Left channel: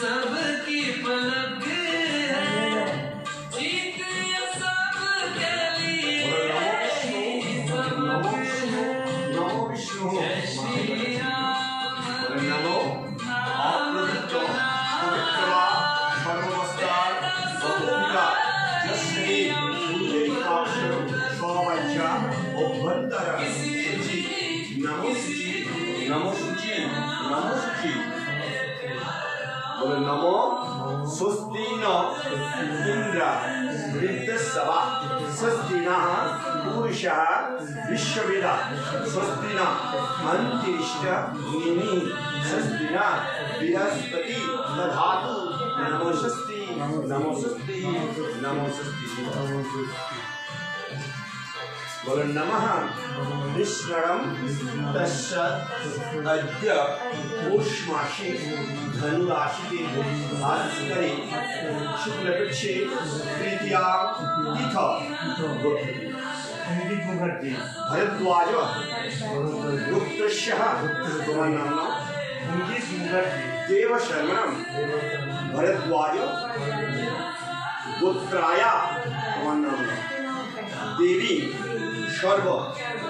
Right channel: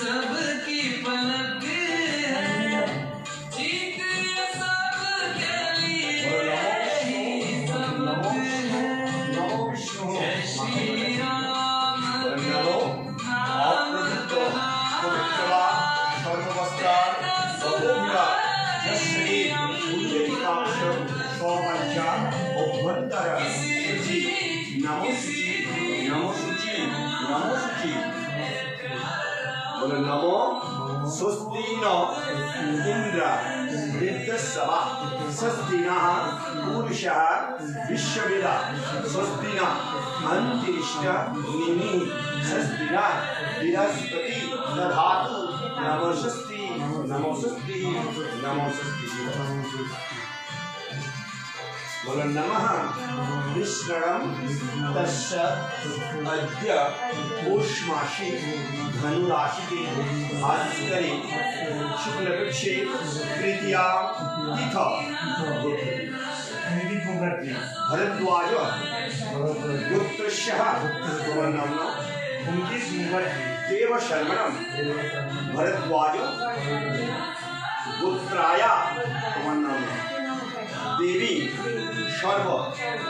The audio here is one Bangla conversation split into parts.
सबकी पलक है, चीख ये सबके लिए सबक है। नमो विष्णु जय श्री राम नमो अप्रतितो पवित्रवा सर्ववस्त्रार बहुला यस्मे सूर्यकाशो सोमैचा अभ्यंतर शुचि नमो शुचि नमो शुचि नमो शुचि। बोलो नमो स्वस्ति न इंद्र वृद्धस्वा स्वस्ति नः पुरुषः विश्ववेदा स्वस्ति न अंतरिक्ष निमि स्वस्ति न बृहस्पति दधातु नमोस्तुते नमोस्तुते नमोस्तुते। बोलो नमः विष्णुरं तस्य अद्य पौषमासे धनुराशिते भास्करे शुक्लपक्षे तृतीया तिथौ भरद्वाज गुप्तस्य देवशर्मणं भरद्वाज गोत्राया देवी सर्व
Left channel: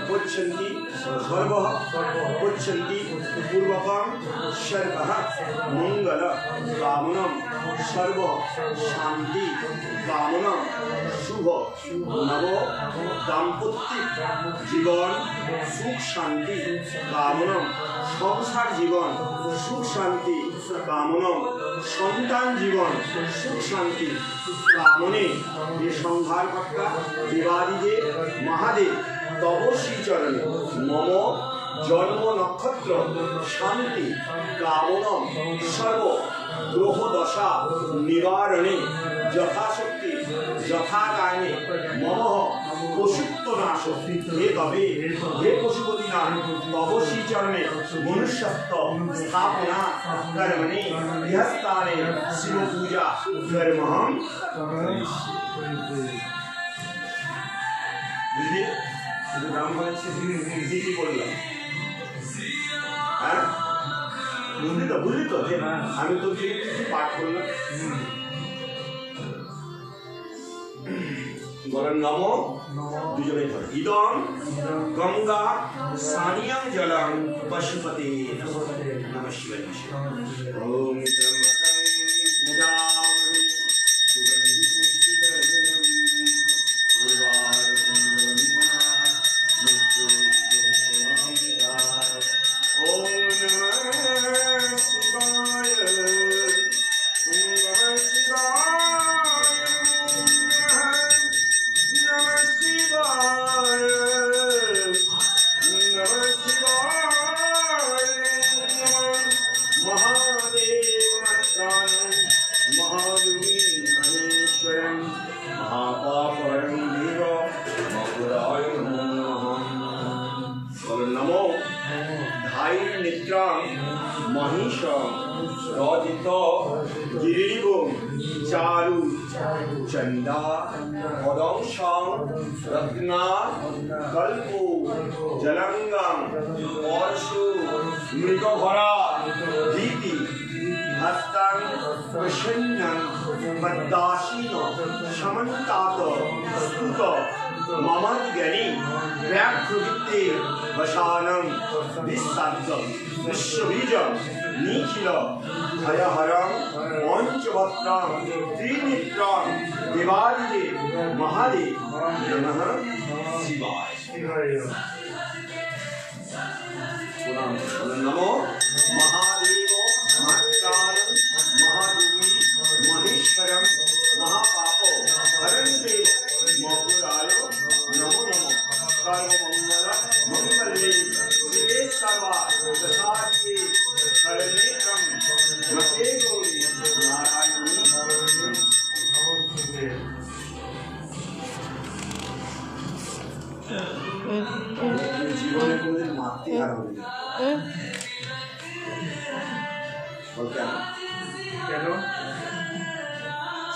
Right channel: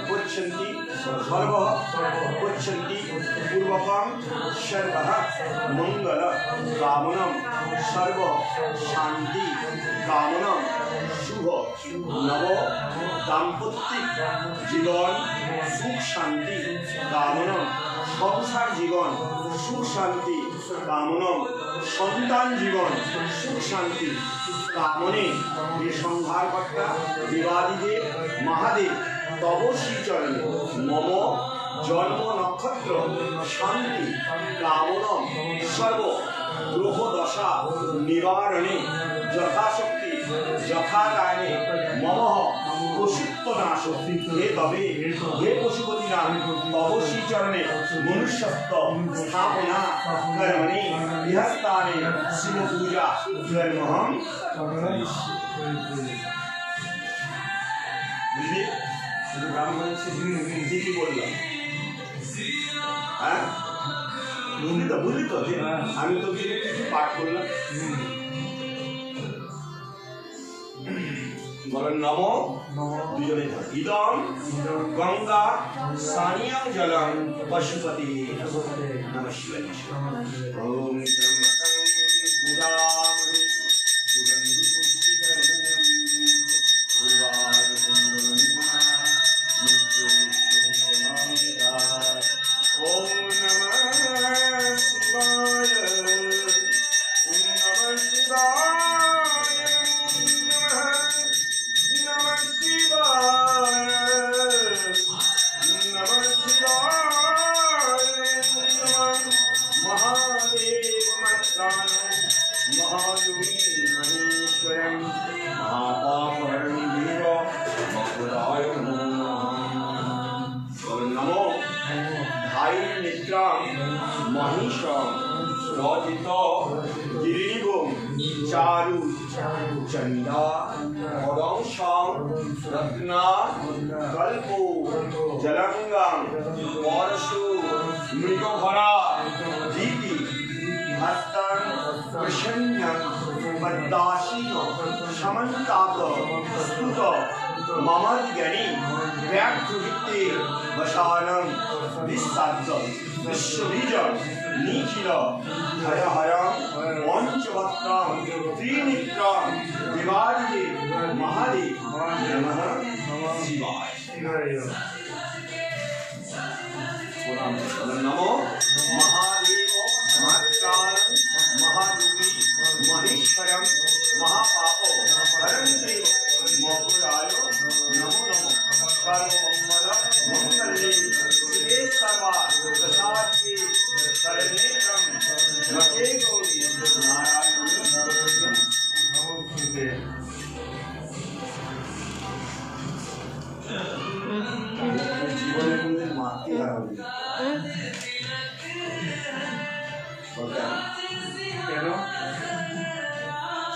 पुच्छन्ति सर्व पुच्छन्ति पूर्वकं सर्वः मंगल कामनं सर्व शांति कामनं शुभ नव दाम्पत्य जीवन सुख शांति कामनं संसार जीवन सुख शांति कामनं सन्तान जीवन सुख शांति कामने ये संहार कर्ता देवादिदेव महादेव तव श्रीचरणे मम जन्म नक्षत्र शांति कामनं सर्व ग्रह दशा निवारणे यथाशक्ति यथाकाले मम पशुत्वनाश हे कवि हे पशुपतिनाथ तव श्रीचरणे मनुष्यत्व स्थापना कर्मणि गृहस्थाने शिव पूजा कर्महं बुझলি শুধু ব্রাহ্মণ দিদি বললাম হ্যাঁ বুঝলি তো যে আমি তো কিছু পাঠ করলাম। বলেন নম দুজনে ধর ইদম গঙ্গা সানিয়ং জলং পশুপতি নমঃ শিবায় ওম ত্রম্বকং পূজামি সুগন্ধি পুষ্টিকরণম উর্বারকম মৃত্যুঞ্জয়ং ওম নমঃ শিবায় নমঃ শিবায় नमः शिवाय नमः शिवाय नमः महादेव मत्तानं महादुर्गे महेश्वरं महापापहरं वीर मकुराय नमः। नमो धायिर्निद्रां महिषं रजित गिरिभुं चारु चंदा पदंशं रत्ना कल्पो जलंगं परशु मृगभरा दीति हस्तं प्रसन्नं पद्मासीन समन्तात स्तुत ममद्गणि व्याघ्रवित्ते वशानं विस्ताद्ध विश्वबीज निखिल भयहरं पंचवक्त्रं त्रिनेत्रं देवादिदेव महादेव नमः शिवाय। नमो महादेव महाकालं महादुर्गे महेश्वरं महापापो हरं देव मकुराय नमो नमो सर्वमंगल मंगले शिवे सर्वार्थसाधिके शरण्ये त्र्यंबके गौरी नारायणी नमोस्तुते। জীবনে কোনদিন মারতে আর হবে না কেন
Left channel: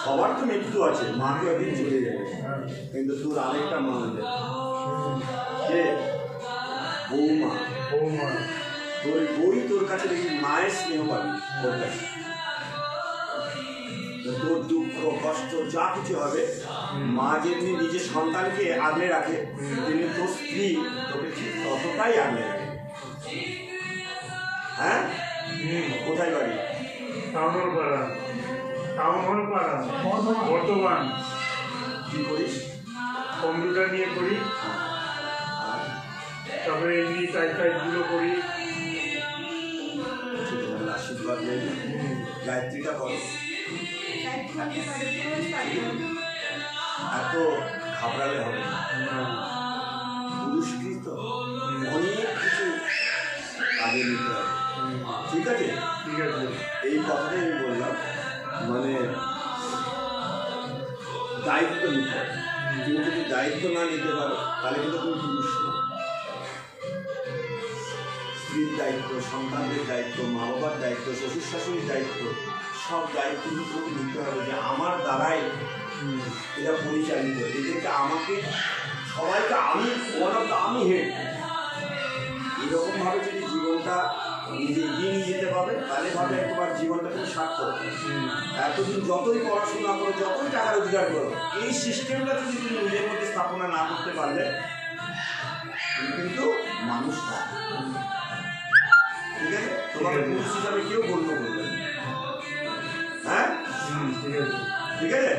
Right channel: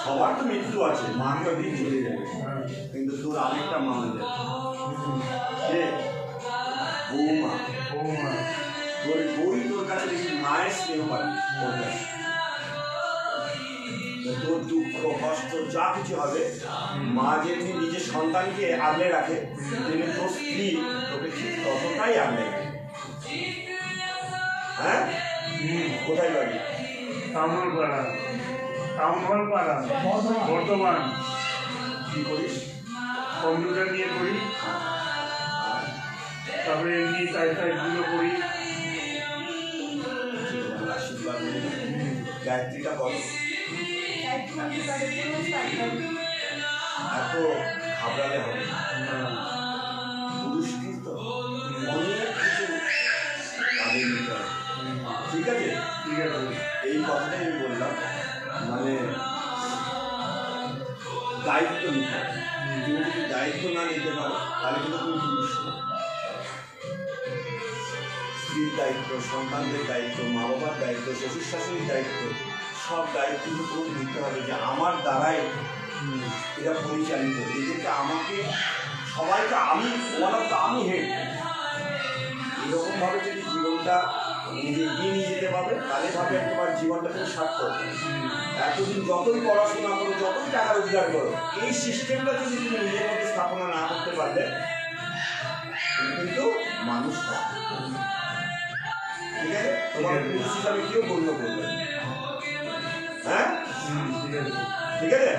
সবার তো মৃত্যু আছে মা তো একদিন চলে যাবে কিন্তু তোর আরেকটা মা আছে যে বৌমা তোর বই তোর কাছে দেখি মায়ের স্নেহ পাবি তোর কাছে তোর দুঃখ কষ্ট যা কিছু হবে, মা যেমনি নিজের সন্তানকে আগলে রাখে, তেমনি তোর স্ত্রী তোকে ঠিক ততটাই আগলে রাখে। হ্যাঁ, কোথায় বাড়ি? টাউনহলপাড়া, টাউনহলপাড়া, বর্ধমান। কি করিস? কম্পিউটার নিয়ে করি, তারপরে এমনি টাইপগুলো করি। আশীর্বাদ নেই, গায়ত্রীটা করো। এত ঘাবড়ালে হবে না। পুরুষকে তো অনেক কিছু কাজে নিতে হবে, ঠিক আছে? ঠিক আছে, এই কথাটাই আমি বললাম, মানে দায়িত্ব নিতে হবে। তুমি যদি দায়িত্ব না নিতে পারো তাহলে কিন্তু তুমি পুরুষ না। স্ত্রীর দায়িত্ব, সন্তানদের দায়িত্ব, মা বাবার দায়িত্ব, শ্বশুর শাশুড়ির দায়িত্ব, সব দায়িত্ব কিন্তু নিতে হবে যে আমার দ্বারাই এটা পরিচালিত। এদেরকে আমাকে সবাইকে আমি আমি হেড, এরকমভাবে যদি জীবনটা নিজে এগিয়ে নিয়ে যেতে পারবে তাহলে ভাবে তোমার জীবনটা তুমি সার্থক। এতদিন যতই পড়াশোনা করো, যতই টাকা রোজগার করো, এই সিস্টেমটা যদি তুমি নিজের মধ্যে স্থাপনা না করতে পারলে তুমি কিন্তু মানুষ না। ঠিক আছে? তোমার পুরুষ হিসাবে কেউ গণ্য করবে। হ্যাঁ, ঠিক আছে?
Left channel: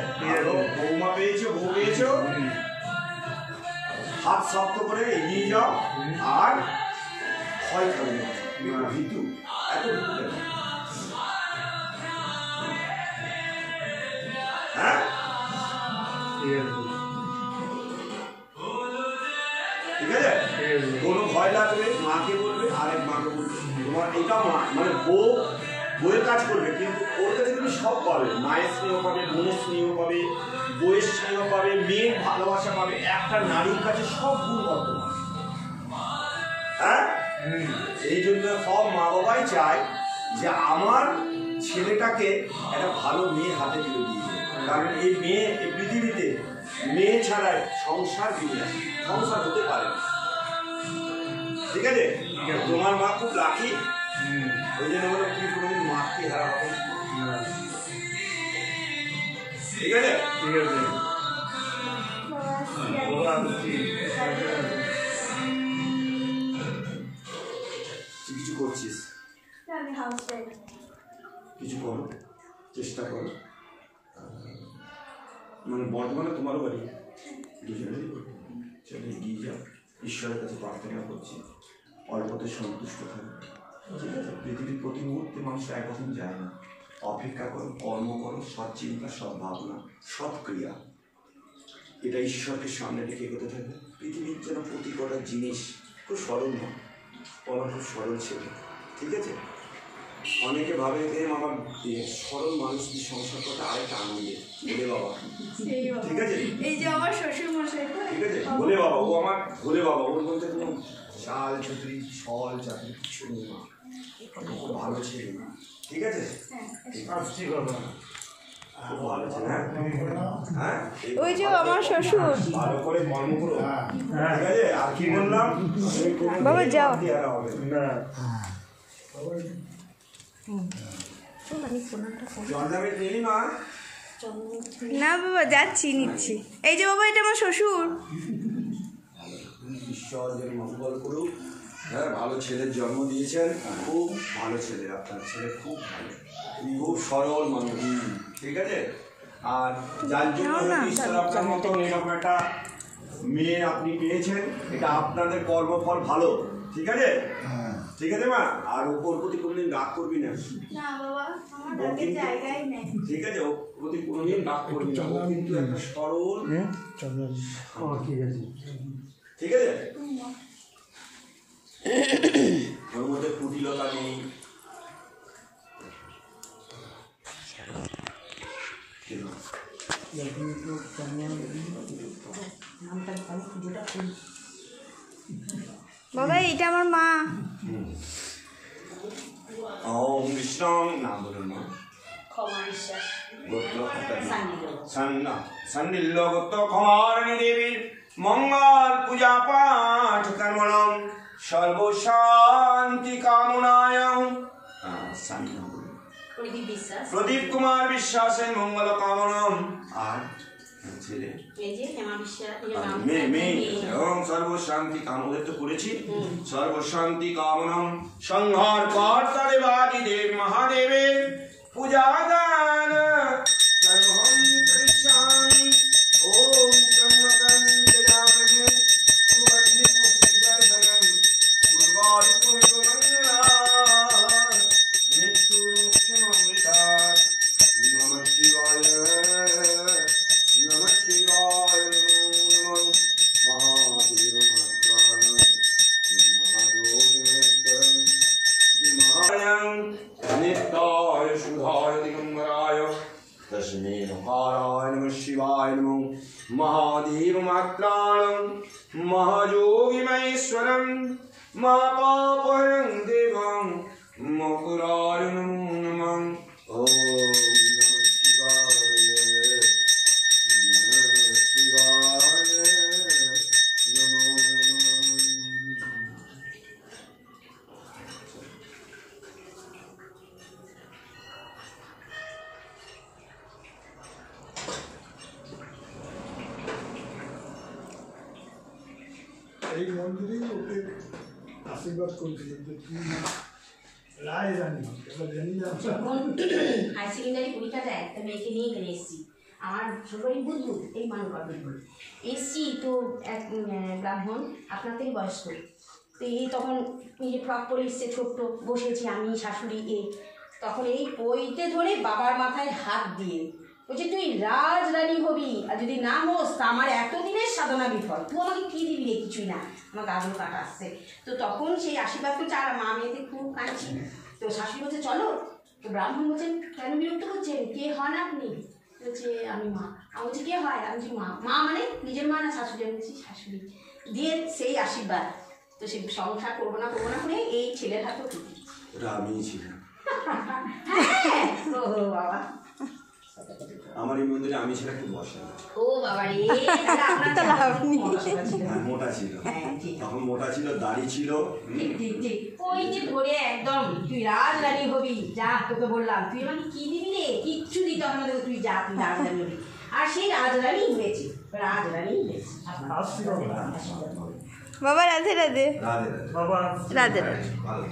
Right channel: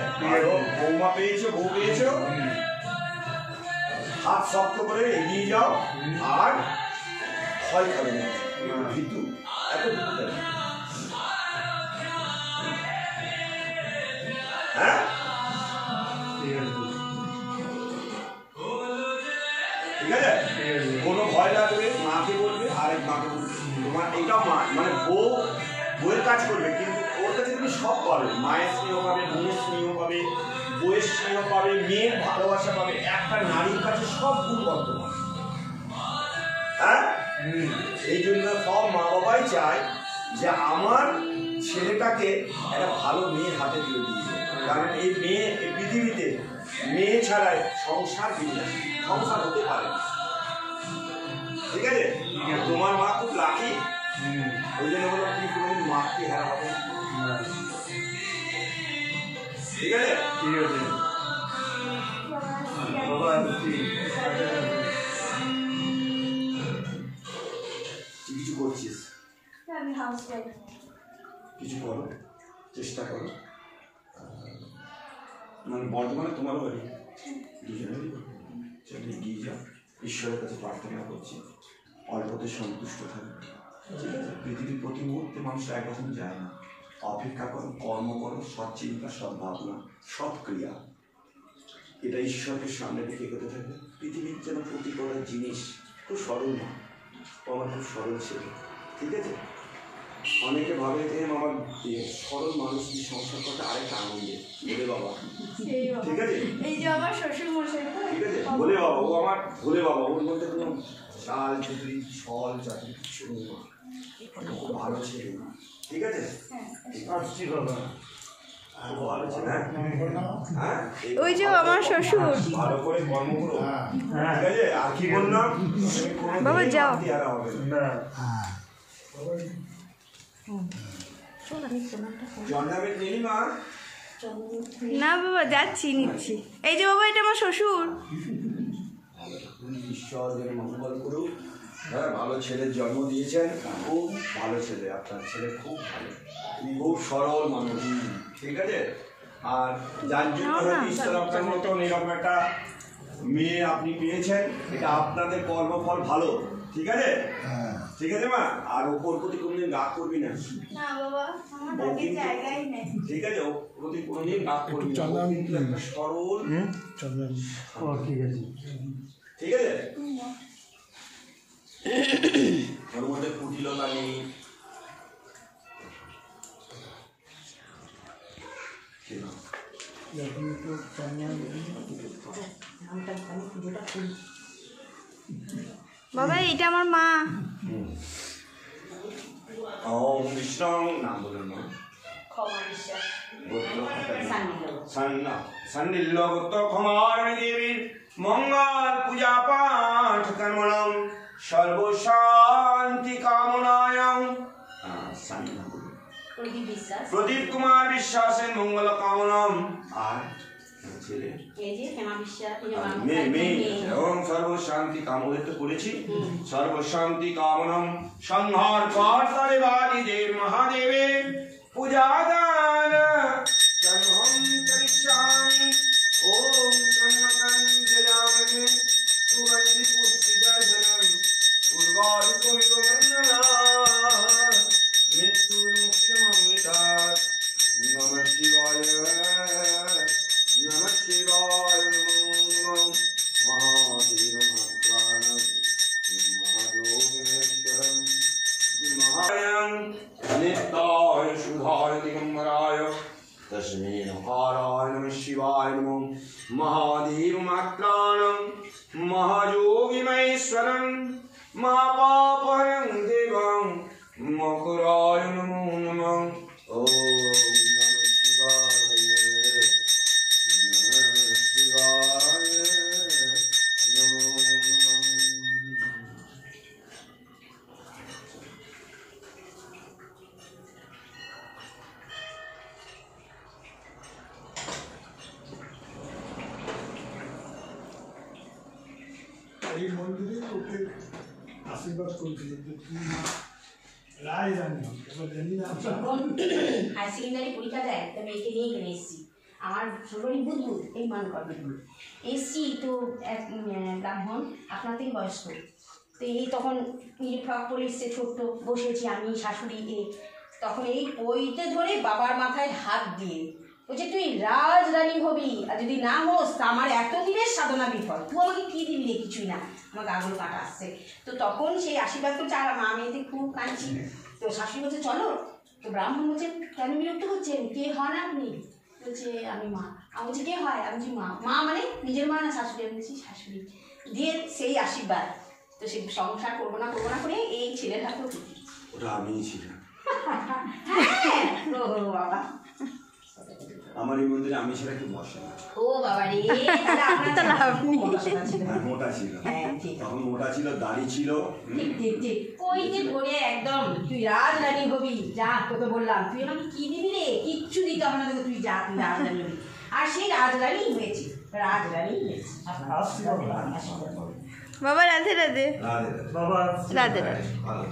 বৌমা পেয়েছো, বউ পেয়েছো, হাত শক্ত করে এগিয়ে যাও, আর ভয় খাবে না। ভীতু, এত ভীতু কেন? হ্যাঁ, ঠিক আছে? কোনো ভয় লাগবে মাকে বলবে, আরেক মাকে বলবে। তোমার এটা মা মানে বউয়ের কাজ করবে, কিন্তু ওর কাছে তুমি সব পাবে। মায়ের স্নেহ পাবে, বোনের স্নেহ পাবে, বউয়ের স্নেহ পাবে, মেয়ের ভালোবাসা পাবে। একটা নারীর কাছে সব গুণ বর্তমান। হ্যাঁ, এই জন্য সব মা বাবাই চায় যে আমার ছেলেটাকে একটা ভালো মেয়ের হাতে তুলে দিয়েছে। কারণ এই মেয়ে, এই পৃথিবীতে মেয়ে ছাড়া সংসার সংসার হতে পারে না। ঠিক আছে? তোমার মা খুব লাকি, ওই জন্য বলো তুমি কোনোদিন মাকে হারা হবে না। ঠিক আছে? ঠিক আছে, কিছু করছিস, কিছু করো, চেষ্টা করো। মানে বর্তমানে তোমার বাড়ি দুজনেরই সেটা এগিয়ে যাও। ঈশ্বরের কাছে প্রার্থনা করছি অল্পতে সন্তুষ্ট থাকবে। ঠিক আছে? পৃথিবীর প্রতি মুহূর্তে মানুষ একরকম যায় না। অপেক্ষা করো, কর্ম করো, সৎ চিন্তা, সৎ ভাবনা, সৎ ক্রিয়া, এটা ঈশ্বরকে সামনে রেখে এগোতে থাকবে। পৃথিবীর যেন প্রতি করার জিনিস খুব সরল না, আমার খুব সরল ছেলে। ঠিক আছে? অনেকে ভাবে যে আমার সরল মানুষ কি সংসার করতে আরেকটা আনন্দের বলে বাবা। ঠিক আছে? এই যে আমার শ্বশুর মশাই, ঠিক আছে, বলে বাবা, ও আমার ভোলে বাবা, ওর মধ্যে কোনো চাল চাকরি ছল চাকরি কিছু নেই। খুব ভালো ছেলে। ঠিক আছে? আসছি বাবা, খুব ভালো ছেলে। হ্যাঁ, ওই যে আমার শ্বশুর। ভালো করে কর্ম করো। ঠিক আছে? আর কি বললাম বাবা যাও না, জন্মাবের নেই মা। না বাবা, যাচ্ছি, নিচ্ছি। এই যে বাবা, এটা আমার শ্বশুর। ঈশ্বর যেন মঙ্গল করুক। হ্যাঁ, ভালো ছেলের জন্ম দিয়েছেন, খুব ভালো ছেলে আপনার ছেলে, খুব ভালো, খুব সরল মানুষ। ঠিক আছে? আর যার জন্য ঈশ্বর আপনার মতন এরকম একটা মেয়ে আপনি পেয়েছেন, এটা আপনাদের কর্মফল ভালো। ঠিক আছে? ঠিক আছে মা, আর ওপর প্রতি কোনোদিন রাগ করবি না। না বাবা, আমার ডাকের জায়গাই নেই। ঠিক আছে? ওর প্রতি কোনোদিন রাগ করবি না। ও কিন্তু একটা সরল। ঠিক আছে, ঠিক আছে? ওর মধ্যে কুটিলতা নেই। বাবা, এটা আমার মা। ওম বিষ্ণু নাম বলুন মা। সন্নিলগত ক্ষমারণী দেবীর মঙ্গল পূজা পাঠ কর্মণম সর্বশান্তি কামনায়। প্রদীপ বিশ্বাস। প্রদীপ কুমার বিশ্বাসের মঙ্গল কামনম। আর ছেলে এই যে হেমা বিশ্বাস, মেয়ে এবং সর্বশান্তি কাম, ওদের তো করেছি। সর্বশান্তি কামনম সংহার কর্তাদেবাদি দেব মহাদেবের পূজা দান সর্বম করিষ্যামি। ওম ব্রহ্মকং যজামহে সুগন্ধি পুষ্টিবর্ধনম উর্বারুকমিব মঙ্গলাৎ মৃত্যুর্মুক্ষমমৃতাৎ। নমঃ শিবায় नमः शिवाय नमो महावीर महाप्राण महायोगेश्वरं महायं नित्याय शुद्धाय दिगंबराय तस्मै नकाराय नमः शिवाय नमो महादेव महाप्राणं महायोगिमेश्वरं महापापहरं देवं मकराय नमो नमः। ओम नमः शिवाय এই মন্দিরে ওকে আশীর্বাদ করেছিল যে তুই রায় জানি এবার জানি না হাই সেকেন্ডারি পরীক্ষা দেয়, তা মেয়েকে নিয়ে এখানে এসেছি। আমার ছোটই বুধবুধ এই মান করবেন এসছি তো এক ব্রাহ্মণ আপনাতেই বয়স্ক, তো এই তখন নিজে ফ্রক পরে এসছে, ছোট্ট বসেছি আমি শাশুড়ি তখন এই পইতে ধরে বাবার মাথায় হাত দিয়ে বলছে তুই রাজরানী হবি, আর যদি না হোস তা আমার এত দিনের সাধনা বিফল, তুই আমাকে কী দিবি রে, কিছুই না, আমার গাগুলো কাটা আসছে। তো তখন সেই আশীর্বাদ তো চার মা মেয়েতে খুব কাঁদছি, তো শাশুড়ি বলছে চলো, তো ব্রাহ্মণ বলছে কেন বিরক্ত করছেন, কে হন আপনি? বলছে আমি মা। আমি বলছি কে হয়? আমি বলছি মা। মা মানে নিজের মা না শাশুড়ি? আমি বলছি শাশুড়ি। দিয়ে সেই আশীর্বাদ, তো সে সংসার করবো না করে এই ছেলের হাতেও কি ওটা আমিই ছিলাম। হ্যাঁ ও বাবা, আমার এই মন্দিরে আমি ছেলে একটু বসে ও বাবা রে, তাহলে আপনার মোটা ছিল, হ্যাঁ ঠিক তখন মোটা ছিল, দাড়ি ছিল। ঠিক ঠিক ঠিক ওই যে ধরে একদম তুই রাজরানী হবি, যা তোকে বললাম, তুই আমাকে কি দিবি রে, কিচ্ছু দিতে হবে না তোকে, তুই যা, তুই রাজরানী হবি। আর সেই রাজরানী হয়েছে, রাজরানী হয়েছে। আসছি বাবা। বাবা রাধে রাধে। রাধে রাধে বাবা রাধে রাধে। ভালো।